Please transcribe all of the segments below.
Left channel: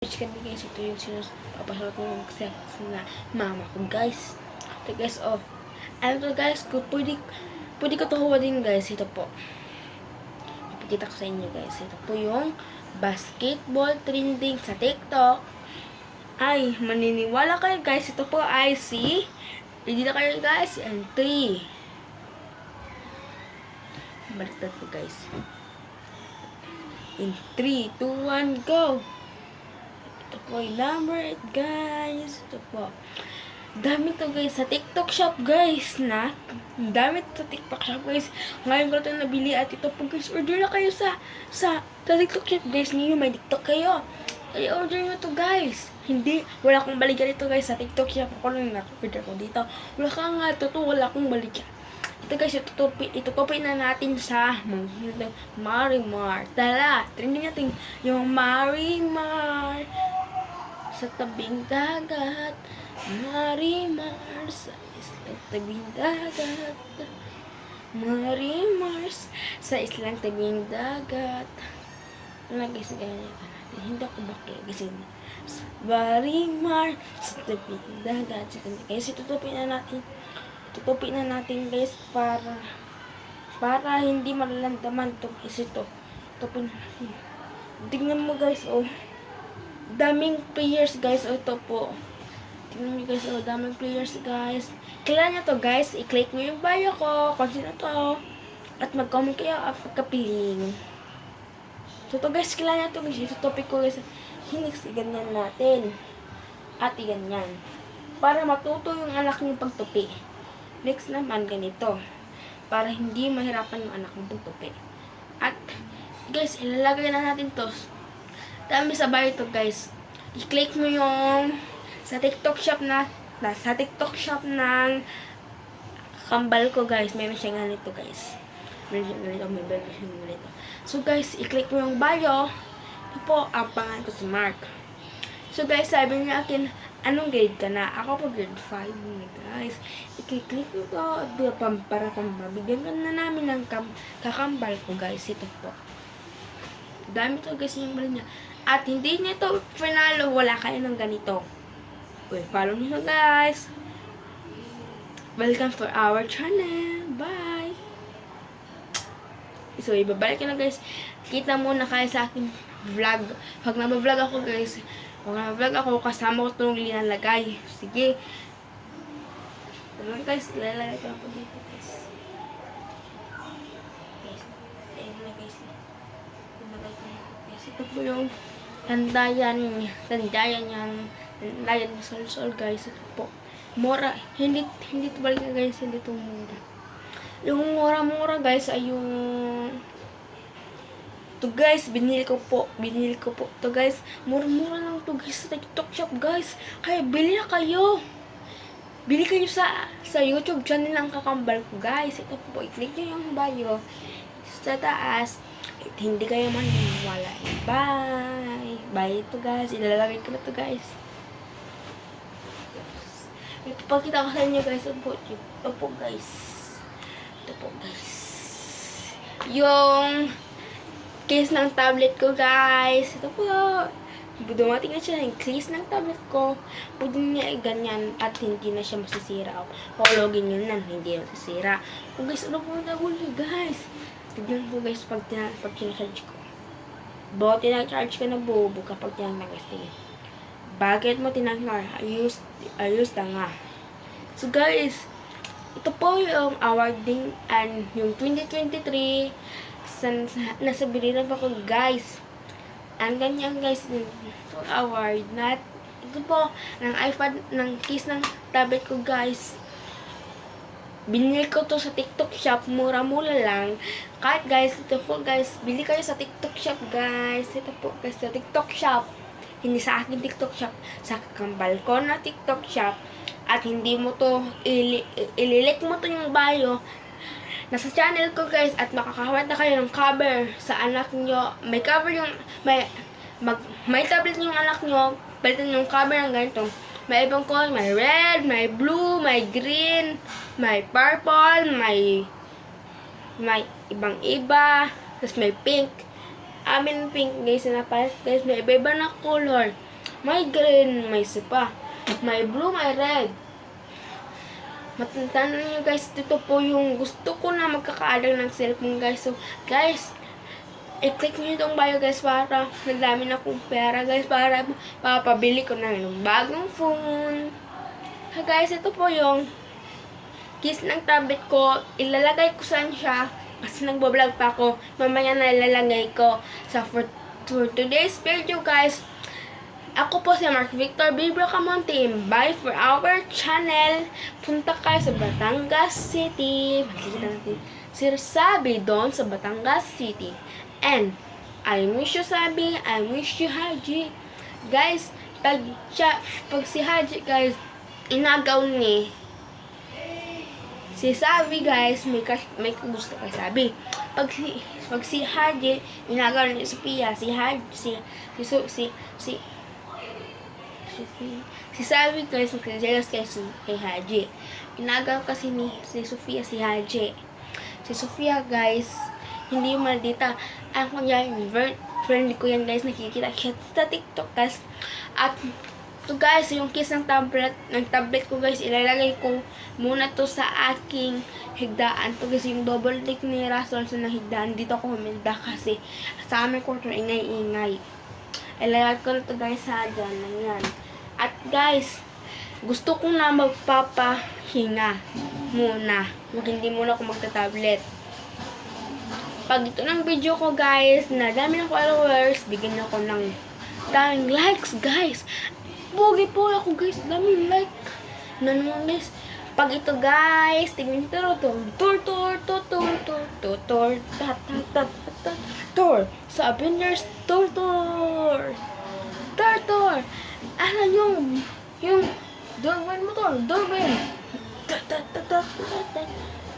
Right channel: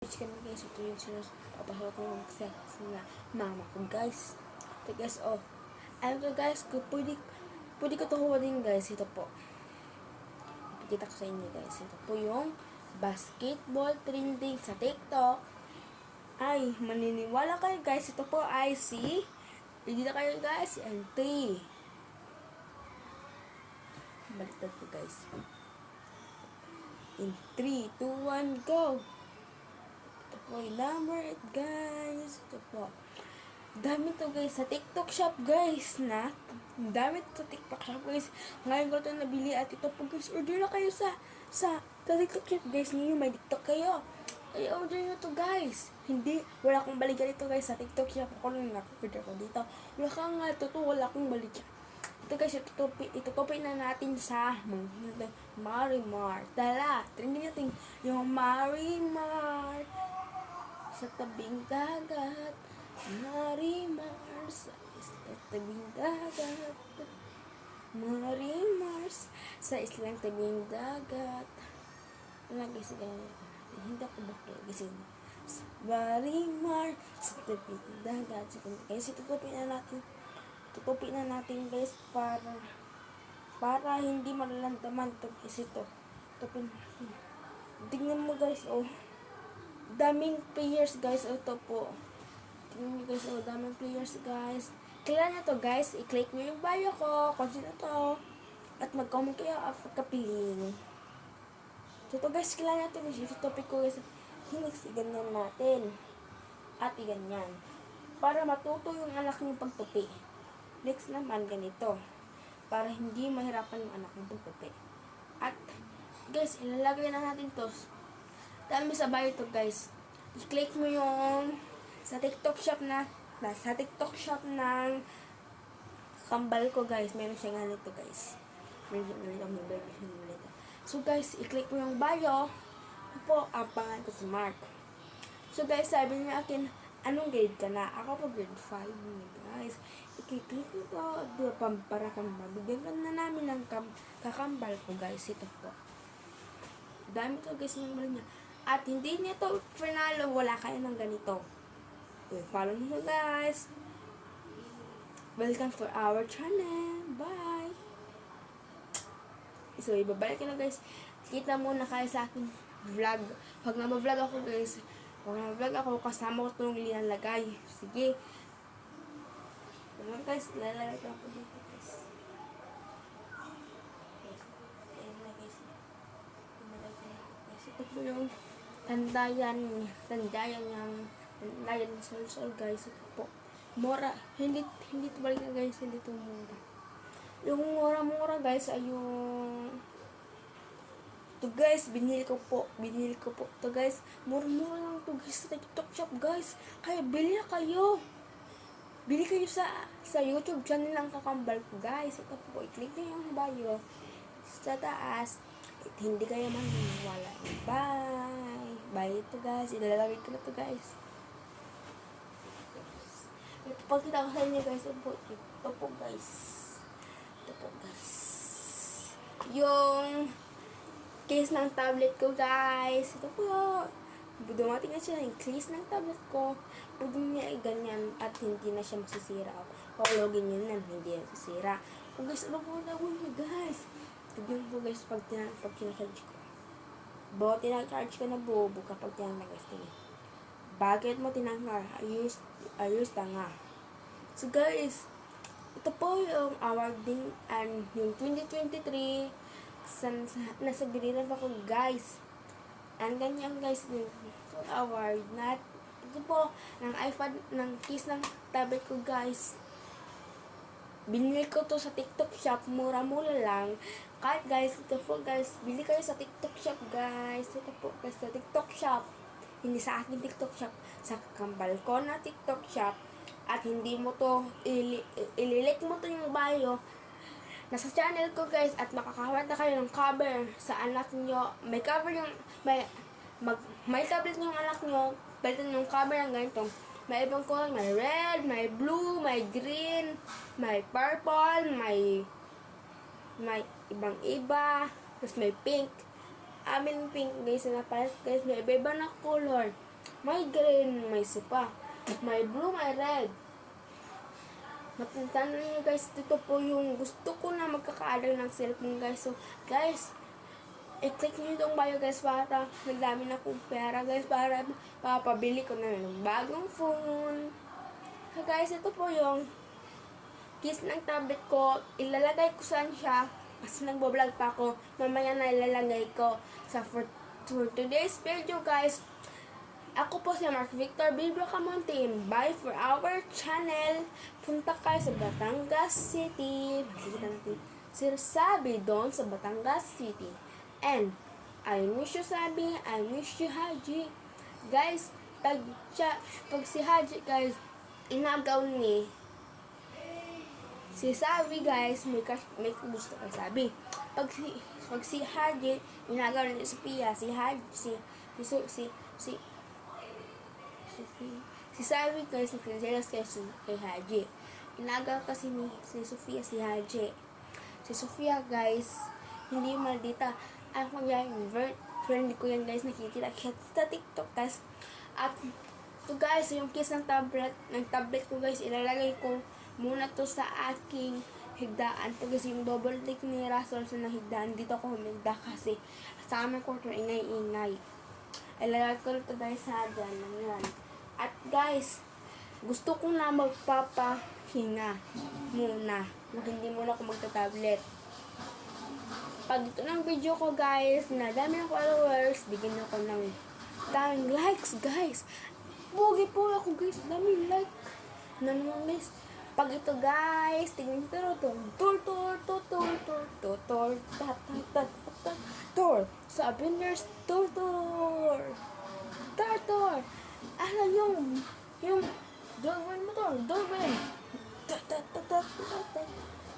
Kami guys, ito yung sinapapasal ko ng sex na mama ko guys. Ito guys, oh. Ano to guys, pwede ko tuhuwa din guys. Ito po. Ipakita ko sa inyo guys. Ito po yung basketball trending sa TikTok. Ay, maniniwala kayo guys. Ito po ay si ready na kayo guys. And 3. Baliktad ko guys. In 3, 2, 1, go! Ito po yung number 8 guys. Ito po. Dami to guys sa TikTok shop guys na. Dami sa TikTok shop guys. Ngayon ko ito nabili at ito po guys. Order na kayo sa TikTok shop guys. Ngayon may TikTok kayo. Ay order nyo to guys. Hindi. Wala akong balikan ito guys sa TikTok shop. Ako lang na-order ko dito. Wala ka nga. Totoo wala akong balikan. Ito guys, itutupin na natin sa Marimar. Tala, trending natin yung Marimar sa tabing dagat. Marimar sa islang tabing dagat. Marimar sa islang tabing dagat. Ano guys, hindi ako bakla guys. Marimar sa tabing dagat. Guys, tutupin na natin guys para hindi malalandaman itong ito. Tutupin natin. Tingnan mo guys, oh. Daming players guys, oh, ito po. Tingnan mo guys, oh, daming players guys. Kailan nyo to guys, i-click nyo yung bio ko, kung sino to. At mag-comment kayo at pagkapiling. So to guys, kailan nyo to guys, ito topic ko guys. Hinix, iganyan natin. At iganyan. Para matuto yung anak nyo pagtupi. Next naman, ganito. Para hindi mahirapan yung anak ng pagtupi. At, guys, ilalagay na natin to. Dami sa bio to, guys. I-click mo yung sa TikTok shop sa TikTok shop ng kambal ko, guys. Meron siya ganito, guys. Meron siya ganito, may burger siya ganito. So, guys, i-click mo yung bio. Ito po, ang pangalan ko si Mark. So, guys, sabi niya akin, anong grade ka na? Ako po grade 5 guys. I-click mo to para mabigyan ka na namin ng kakambal ko guys. Ito po. Dami to guys yung bala niya. At hindi niya to finalo. Wala kayo ng ganito. Okay, follow niyo na guys. Welcome for our channel. Bye! So, ibabalik ko na guys. Kita muna kayo sa aking vlog. Pag nabavlog ako guys, kasama ko itong linalagay. Sige. Alam guys, ilalagay ko ako dito guys. Guys, ayun na guys. Ilalagay ko na guys. Ito po yung tandayan ng sol guys. Ito po. Mura. Hindi ito balik na guys. Hindi ito mura. Yung mura guys ay yung to guys, binili ko po to guys. Mura lang to guys sa TikTok shop guys. Kaya bili na kayo. Bili kayo sa YouTube channel ng kakambal ko guys. Ito po, i-click nyo yung bio sa taas. At hindi kayo maniniwala. Bye! Bye ito guys. Ilalagay ko na to guys. Ipapakita ko sa inyo guys. Ito po guys. Yung case ng tablet ko guys. Ito po. Dumating na siya yung case ng tablet ko. Pwede niya ganyan at hindi na siya masisira. Hulogin yun na, hindi na masisira. O guys, ano po na guys? Tignan po guys pag tinacharge ko. Bakit tinacharge ka na bobo kapag tinacharge? Bakit mo tinacharge? Ayos na nga. So guys, ito po yung awarding and yung 2023 nasa biliran pa ko guys. Ang ganyan guys, award na ito po, ng iPad, ng case ng tablet ko guys. Binili ko to sa TikTok shop, mura-mura lang. Kahit guys, ito po guys, bili kayo sa TikTok shop guys. Ito po guys, sa TikTok shop. Hindi sa akin TikTok shop, sa kambal ko na TikTok shop. At hindi mo to, ililike mo to yung bio nasa channel ko guys, at makakahawat na kayo ng cover sa anak nyo. May cover yung may tablet yung anak nyo, palitan yung cover ng ganito. May ibang color, may red, may blue, may green, may purple, may ibang iba, tapos may pink. Amin pink guys na napalit guys, may iba na color. may green, may sipa, may blue, may red. Matandaan nyo guys, dito po yung gusto ko na magkakaalang ng cellphone guys. So guys, i-click nyo itong bio guys para nagdami na akong pera guys para papabili ko na ng bagong phone. So guys, ito po yung case ng tablet ko. Ilalagay ko saan siya kasi nagbablog pa ako. Mamaya na ilalagay ko sa for today's video guys. Ako po si Mark Victor Bibro Camonte. Bye for our channel. Punta kayo sa Batangas City. Makikita natin si Sabi doon sa Batangas City. And I miss you Sabi. I miss you Haji. Guys, pag si Haji guys, inagaw ni si Sabi guys, may gusto kay Sabi. Pag si Haji, inagaw ni Sophia, si Haji, si Sabi guys, magkajealous kay Haji. Inagaw kasi ni si Sophia si Haji. Si Sophia guys, hindi yung maldita. Ang kanya yung friend ko yan guys, nakikita sa TikTok guys. At to guys, yung case ng tablet ko guys, ilalagay ko muna to sa aking higdaan. To guys, yung double tick ni Rason sa higdaan. Dito ako huminda kasi sa aming quarter ingay-ingay. Ilalagay ko na to guys sa dyan. Yan. At guys, gusto ko na magpapahinga muna. Hindi muna ako magta-tablet. Pag ito ng video ko guys, na dami ng followers, bigyan nyo ko ng daming likes guys. Pogi po ako guys, daming like na naman guys. Pag ito guys, tingin tour sa Avengers tour. Ano yung doorbell mo to, doorbell.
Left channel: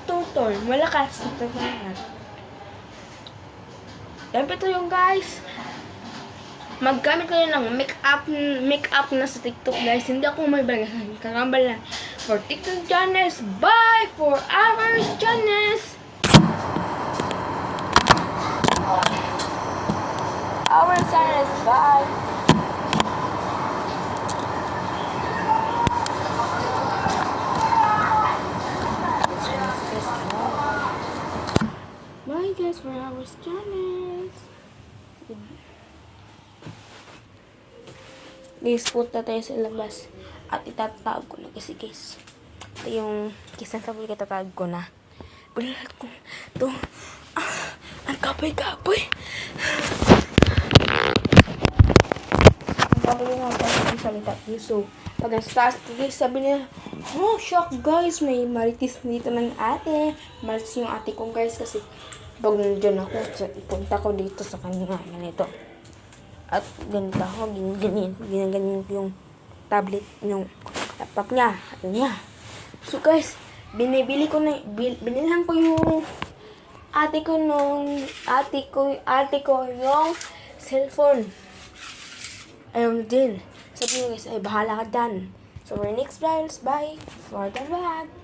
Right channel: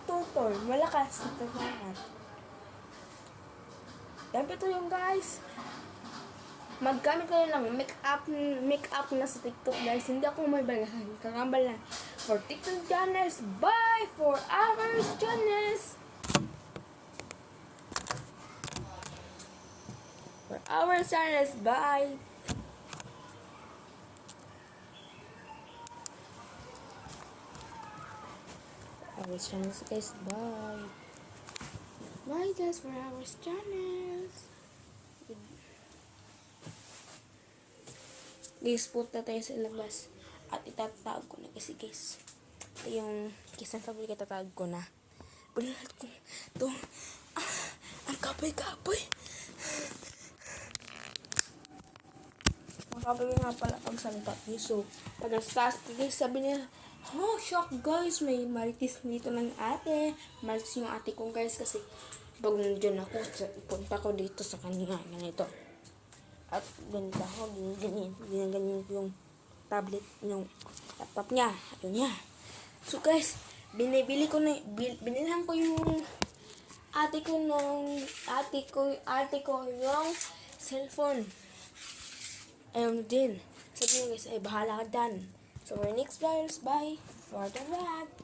Tour, malakas na tabangan. Dapat ito yung guys. Maggamit kayo ng make-up na sa TikTok guys. Hindi ako may kakambal na. For TikTok channels, bye! For hours channels. Our channels, bye! Bye guys for our channels. Guys, punta tayo sa labas at itatawag ko na kasi guys. Ito yung kisang kapal ko, itatawag ko na. Balat ko ito. Ang kapoy-kapoy. Ang kapoy nga tayo yung salita. So, pag nasa taas guys, sabi nila, oh, shock guys, may maritis dito ng ate. Maritis yung ate ko guys kasi pag nandiyan ako, punta ko dito sa kanya. Ganito. At ganito ako, ganyan yung tablet, yung laptop niya. Ayun niya. So guys, binilhan ko yung ate ko yung cellphone. Ayun din. Sabi niya guys, ay bahala ka dyan. So, our next vlogs, bye for the vlog.